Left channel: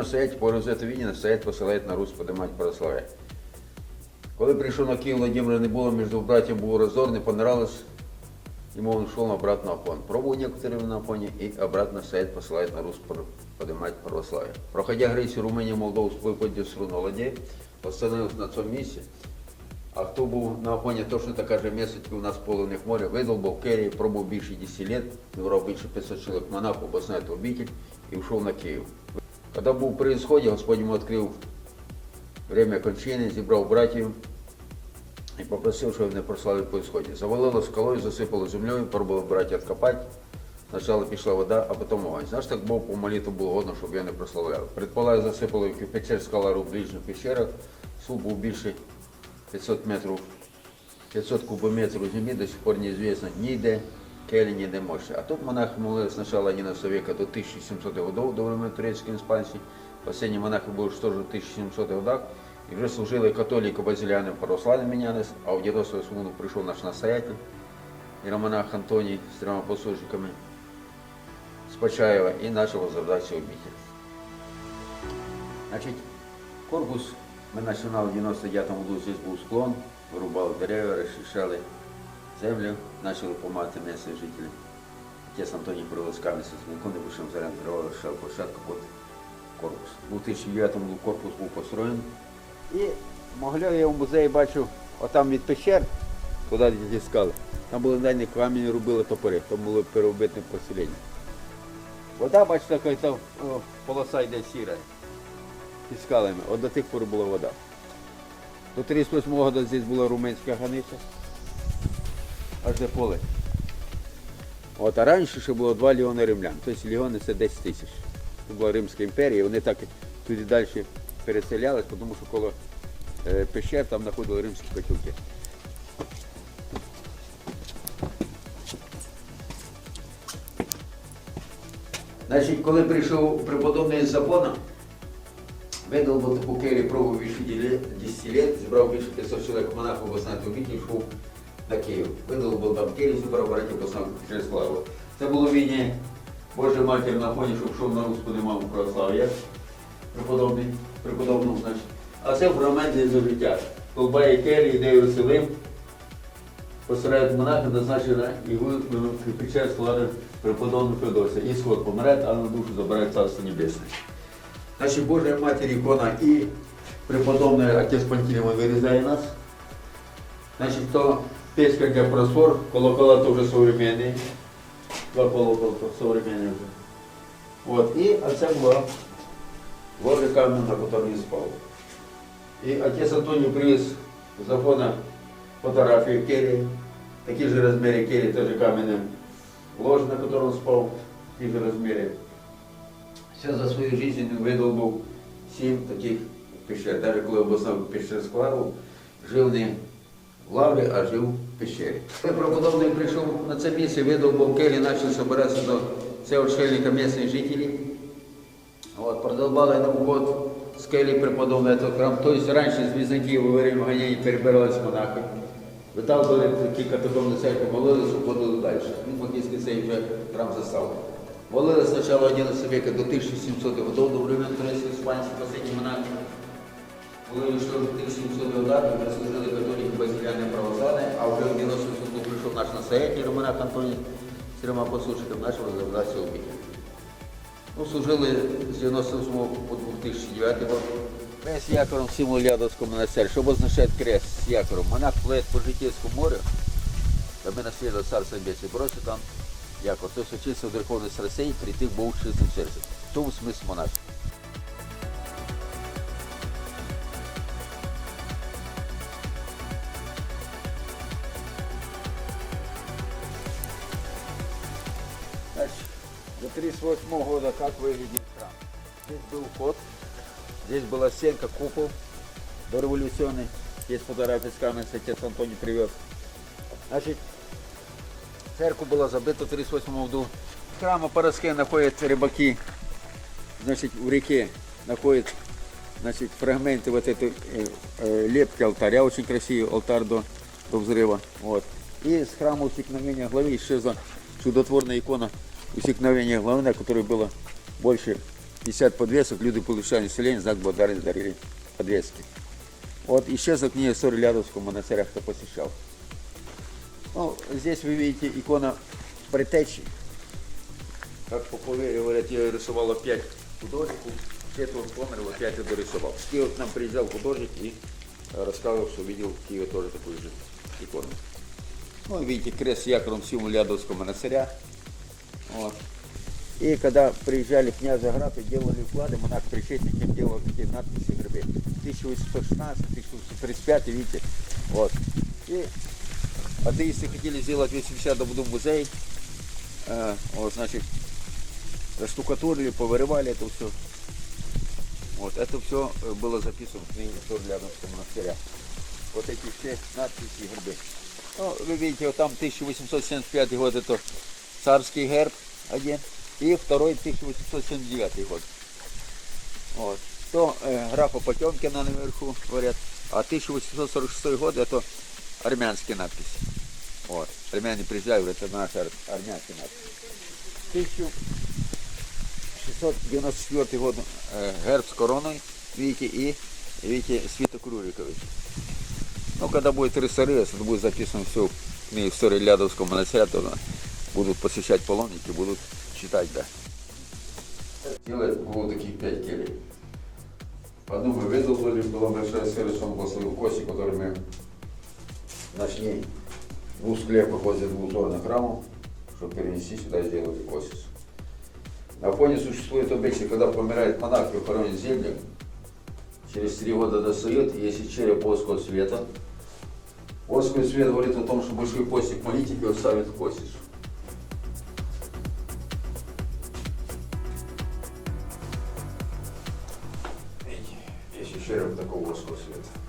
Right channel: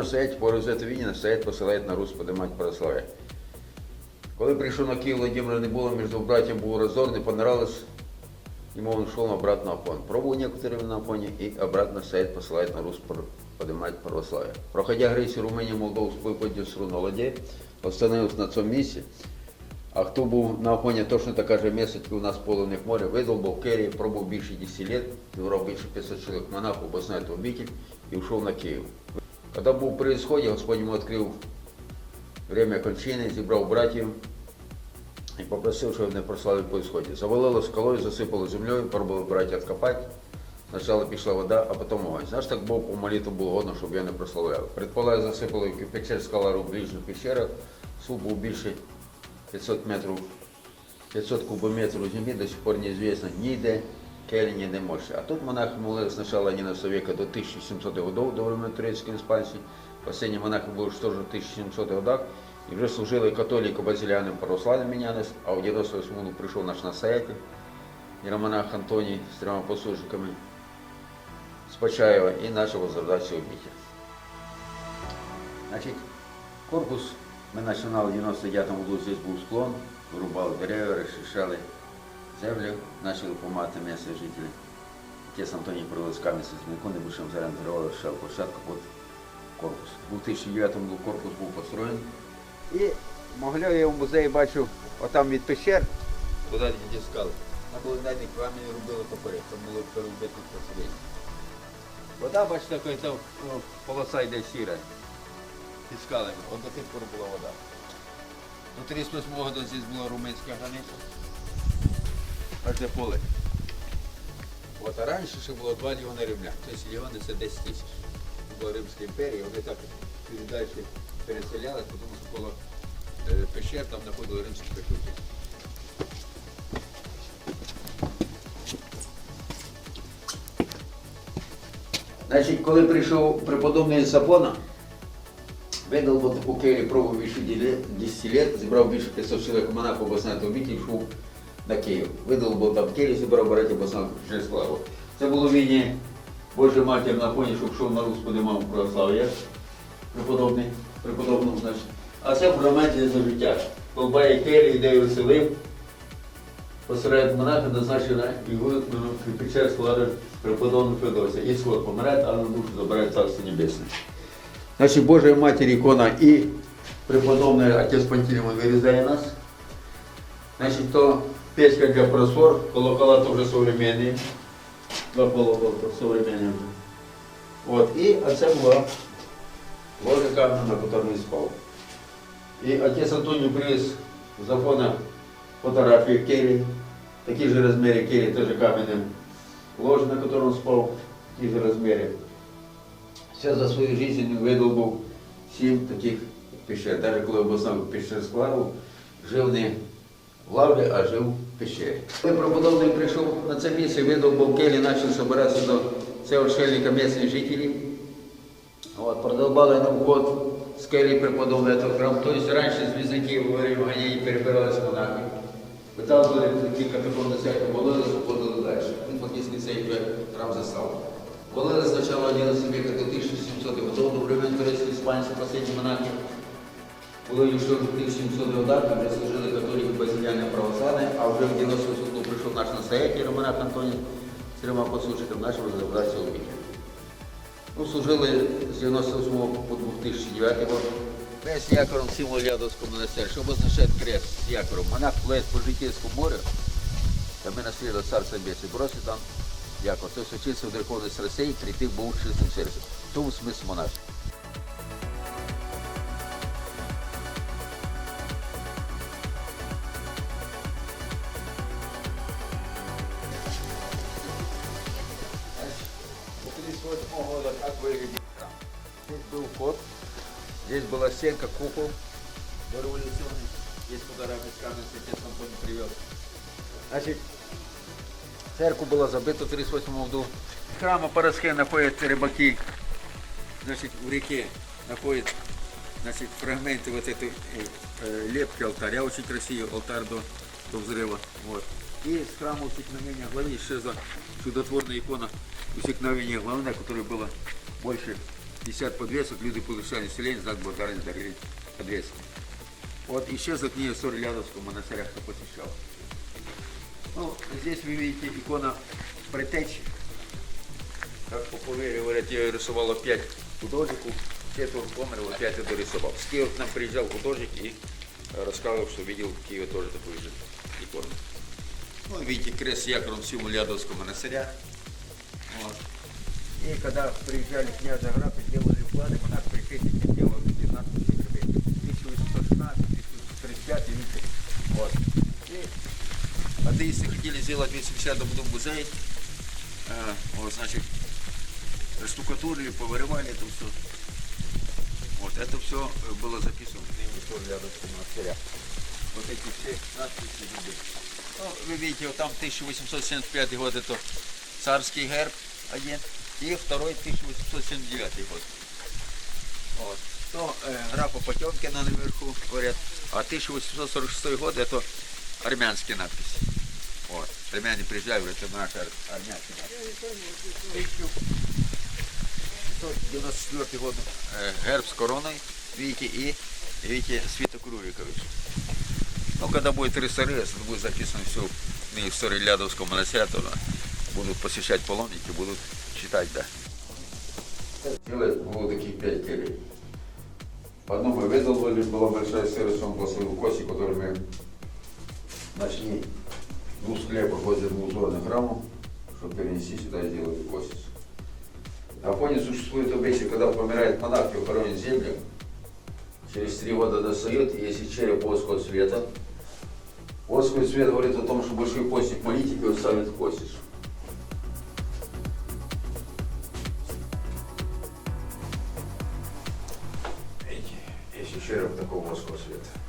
Прийшов до нас стоять, по розетовіні, стоять, посилають на Русь подимати православ'я. Коли прийшов на Київ, Владимира не було, між братьев був раздор, не понравилось, ему он шел обратно на Афон. Пробовал некоторые на Афоне и обратно стоять, посылает на Русь пр- поднимать православие. Проходя агрессию Румынии, Молдову всплыл по Днестру на ладе, остановился на цьому місці. А хто був на Афоні, точно така ж місце, тільки у нас полоних моря, видолбав Керрі, пробув більше 10 лет, зібрав більше 500 чоловік монахів, обоснав обитель і йшов на Київ. Коли був при ісході, Господь йому відкрив время кончини, зібрав братів і попросив, щоб не прославили по ісході. Завалило скалою, засипало землею, пробували браття відкопати. Спочатку пішла вода, а потім огонь. Знаєш, так Бог по молитву було годно, щоб я не прославляв. Предполагаю, засипало в печер скала в ближніх пещерах, суд був більше 500 метрів, 500 кубометрів землі, до сих пор неізвісно ніде, келі, ніде мощі. А тут монахи молились спочатку 11 века до 1700 годов, до времен турецької експансії. Останні монахи ж теж в 1700 годах, і вже служили католіко базилянам православним мінянись, а в 98 году прийшов наш настоятель, іеромонах Антоній з трьома послушниками з Почаєва і почав возрождатися обитель. Значить, корпус ми починали в 99 году, здесь був склон, вирубали дерева, розчищали землю, почали помати місцеві жителі. Отець Антоній привез камінь з ніколи-небудь заряд дерева, розчищав площадку під корпус. У 2009 году корпус був построєн. І Могилеві я в музеї бачив, отам від пещер, туди де скали, там були дальні камені, робили топори, там було переробитне поселення. Вода, бачите, така там о, полоса йде сіра під скалами. От до тих пор була вода. До 38 года здесь була румунська границя. Аж де поле. От, а раніше ще було два легіони римлян. Тобто легіони це 10 тисяч. Це була Римська імперія, вони так туди далі переселялись, тому що коло е, пещер там знаходили римські кочівки. Значить, коли прийшов преподобний з Запона, видав бо таку келі пробу більше 10 лет, зібрав більше 500 чоловік монахів обласної обіті, йшов на Київ. Видав зібрав братів обласної через славу. Це було в війні Божа матір на фоні, щоб йшов на Русь, подимав православ'я, преподобний, преподобному, значить. А це фрагменти за життя. Колба і келі, йде Єрусалим, посеред монаха назначена і виконано печер складу преподобного Феодосія. І сход помре, а на душу забирає Царство Небесне. Значить, Божия Матір ікона і преподобний отець Пантелеймон вирізає нас. Значить, то печка для просор, колокола то вже современні. Два колокола то современні вже. От, і оце була Божа камінь, на якому спав. И отец Антоний привез с закона фотографию Керри, такие же размеры Керри, тоже каменным ложе, на котором он спал, такие же размеры. Все за свою жизнь він видолбав сім таких пещер. Навіть коли обоснав пещерську лаву, жив не в лаві, а жив в пещері. Коли преподобний прийшов на це місце, видолбав келі, почав збиратися до цього отшельника місцевих жителів. Вот, продолбали нам вход с келі преподобный этот храм. То есть раньше звездники во время гонений перебирались монахи. Виталкивали такі катакомби церкви, молились, уходили далі. Він фактично цей храм застав. Молились з начала 11 века до 1700 годов, до времен турецької Іспанії, последні монахи. Були лише в 1700 годах, ми служили католики базиляни православні, а вже в 98 году прийшов наш настоятель монах Антоній з трьома послушниками, начав розробляти обіття. Ну, служили з 98 по 2009 год. Крест якором символ Лядовського монастиря, що означає крест з якором. Монах плывет по житейскому морю, аби наслідувати царство небесне, бросить там якор. Тобто вчиться в Верховної Росії, прийти к Богу чистим серцем. В тому смисл монашества. 38 года как выглядит храм. Здесь был вход, здесь была стенка, купол дореволюционный. Есть фотографии с камер, отец Антоний привез. Значит, церковь была забита в 38 году. С храма Параске находятся рыбаки. Значит, в реке находят значит, фрагменты вот этой э, э, лепки алтаря, очень красивый алтарь до, до взрыва. Вот. И с храма усекновения главы исчезла чудотворная икона усекновения главы, на которой было больше 50 подвесок, люди получали население, знак благодарности дарили подвески. Вот исчезла книга Сори Лядовского монастыря, кто посещал. Ну, здесь вы видите икона предтечи. Как по поверье говорят, я ее рисовала 5 художников, четверо померло, 5 я дорисовал. С Киева к нам приезжал художник и рассказывал, что видел в Киеве тоже такую же икону. Ну, видите, крест с якором символ Лядовского монастыря. Вот. И когда приезжали князя графы, делали вклады, монах причетник делал такие надписи гробы. 1816, 1835, видите. Вот. И атеисты хотели сделать в 80 году музей. Э, вот, значит, штукатурили, повырывали это все. Вот, это все было записано в книге «История Лядовского монастыря. Вот эти все надписи гербы. Ну, вы видите, вот там 1875 год, это царский герб один, и второй 1879 год. Вот. То э, графа Потемкина наверху говорят, а 1846 год это армянские надписи. Вот. Армяне приезжают, говорят, это наши ар- армянские надписи. 1694 год э, герб с короной, видите, и видите, свиток Рурикович. Ну, когда будет реставрироваться, то будет записано все в монастыря, то будут посещать паломники, будут читать, да. Делать было таких пять келей. Одну мы выдолбали, была большая сервис, он поставил коси, который мы нашли в двух склепах возле двухдорных храмов, чтобы перенести сюда и сделать косис. На Афоне существует обычай, когда помирает монах, его хоронят в землю, через три года достают, и если череп плоского цвета, Восковый цвет говорит о том, что большой постик политики вот сами косишь. Видите, есть череп такого воскового цвета.